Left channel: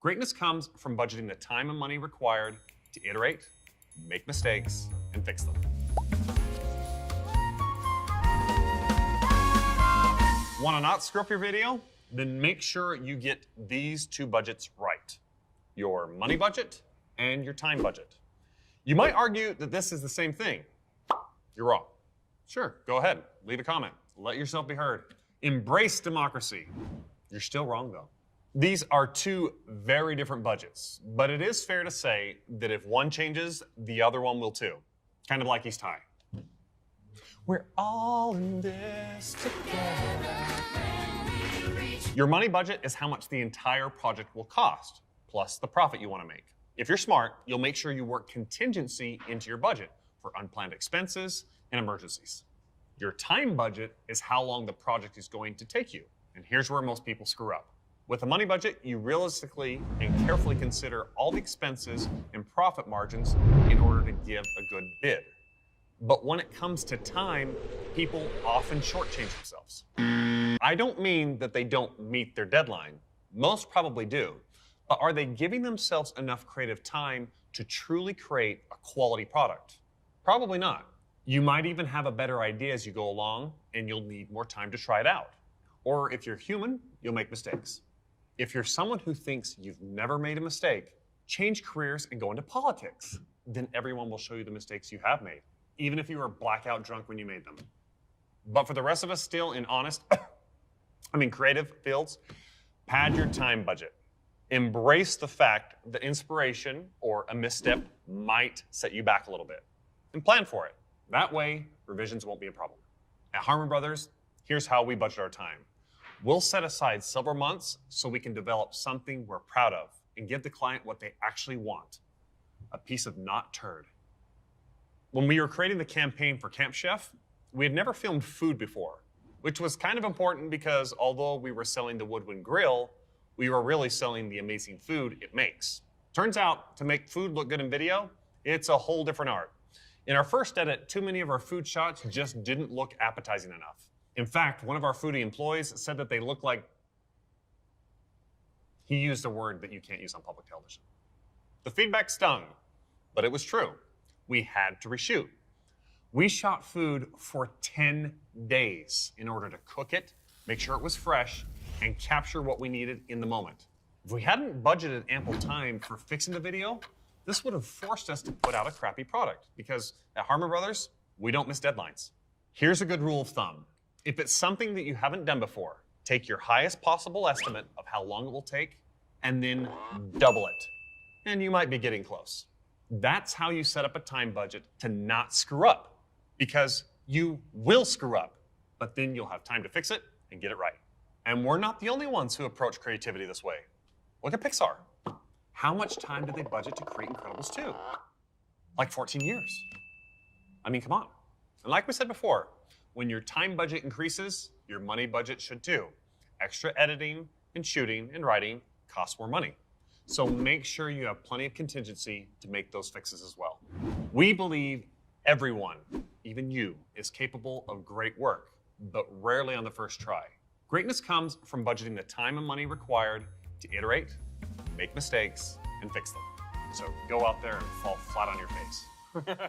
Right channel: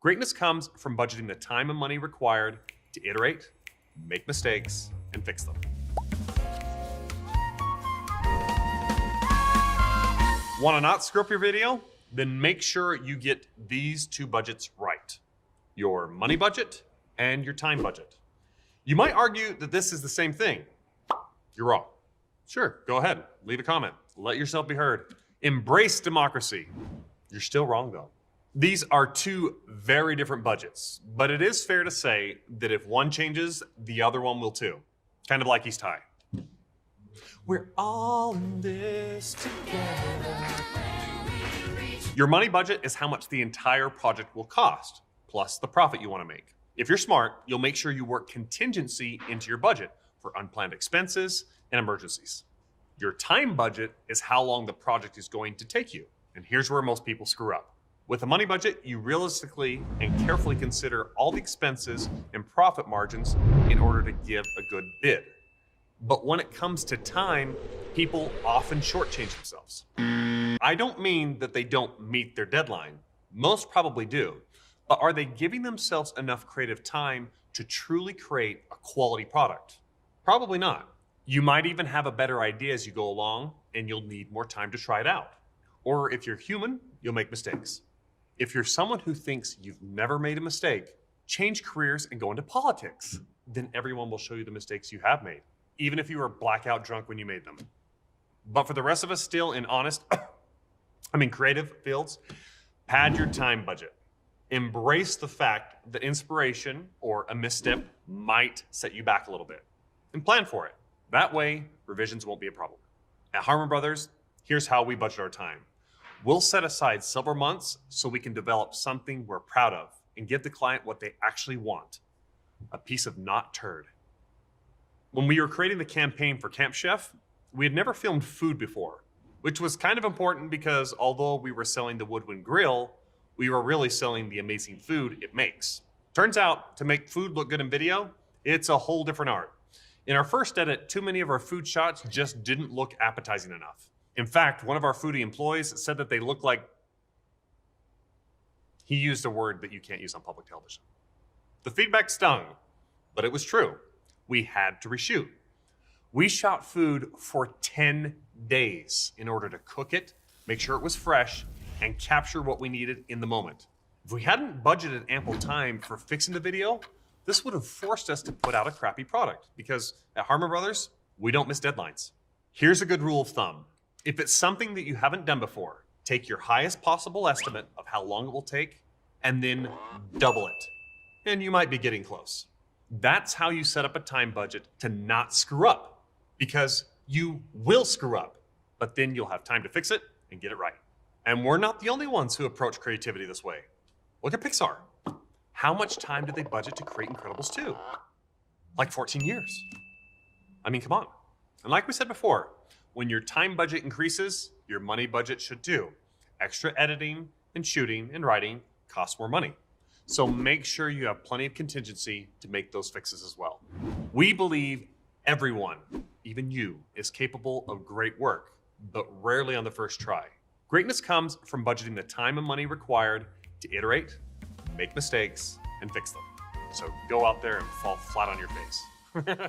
Greatness comes from budgeting the time and money required to iterate, make mistakes, and fix them. Want to not screw up your video? Then make sure you get these two budgets right. Your money budget and your time budget. You might argue that this is the same thing. You're wrong. Sure, go ahead, leave a comment. Let yourself be heard. Embrace democracy. You're still wrong though. These are two very different budgets, but it is fair to say that if one changes, the other one will too. Kind of like East High. We're all in this together. Your money budget is how much the entire project will cost, plus the profit you want to make. If you're smart, you'll make sure you work contingency into your budget for unplanned expenses and emergencies. Your time budget is how long the project is going to take you. And here's where most people screw up. With a money budget, you realistically and carefully consider all the expenses and profit margins in order to give a good bid. But when it comes to time, people often shortchange themselves. I don't mean that they don't meet their deadline. Most probably do. But are they giving themselves enough creative time to truly create a quality product? Probably not. You might even have a better idea as you go along, and you'll need more time to try it out. Or if you're human, you'll make mistakes. If you're someone who thinks you've never made a mistake, change careers and go into politics. Then everyone will show you the mistakes you have made, even if you were blackout drunk when you made them. But for the rest of us still in creative fields, pad your time budget. Embrace the fact that inspiration or a misstep might set you back a little bit, and plan for it. That way, revisions won't be a problem. At Harmon Brothers, here's how we budget our time. We'll set aside several months so we can develop something we're proud of and give the client what they actually want, a piece of not turd. When we were creating the campaign for Camp Chef, we had never filmed food before, which was kind of important because although we were selling the Woodwind grill, we were really selling the amazing food it makes. Turns out, to make food look good in video, it's a whole different art. In our first edit, too many of our food shots just didn't look appetizing enough. In fact, one of our foodie employees said that they looked like... He used a word that you can't use on public television. The feedback stung, but it was true. We had to reshoot. We shot food for 10 days in order to cook it, make sure it was fresh, and capture what we needed in the moment. If we hadn't budgeted ample time for fixing the video, this would have forced us to put out a crappy product because at Harmon Brothers, we don't miss deadlines. Here's a good rule of thumb. If it's something that you haven't done before, take your highest possible estimate of how long it will take and then double it. And you might be getting close. That's how you set up a time budget to not screw up, because you will screw up, but then you'll have time to fix it and get it right. And we're not the only ones who approach creativity this way. Look at Pixar. How much time did they budget to create Incredibles 2? Like 14 years. I mean, come on. And like we said before, when your time budget increases, your money budget should too. Extra editing and shooting and writing costs more money. So make sure you have plenty of contingency to make those fixes as well. We believe everyone, even you, is capable of great work, but rarely on the first try. Greatness comes from budgeting the time and money required to iterate, make mistakes, and fix them. So go out there and fall flat on your face.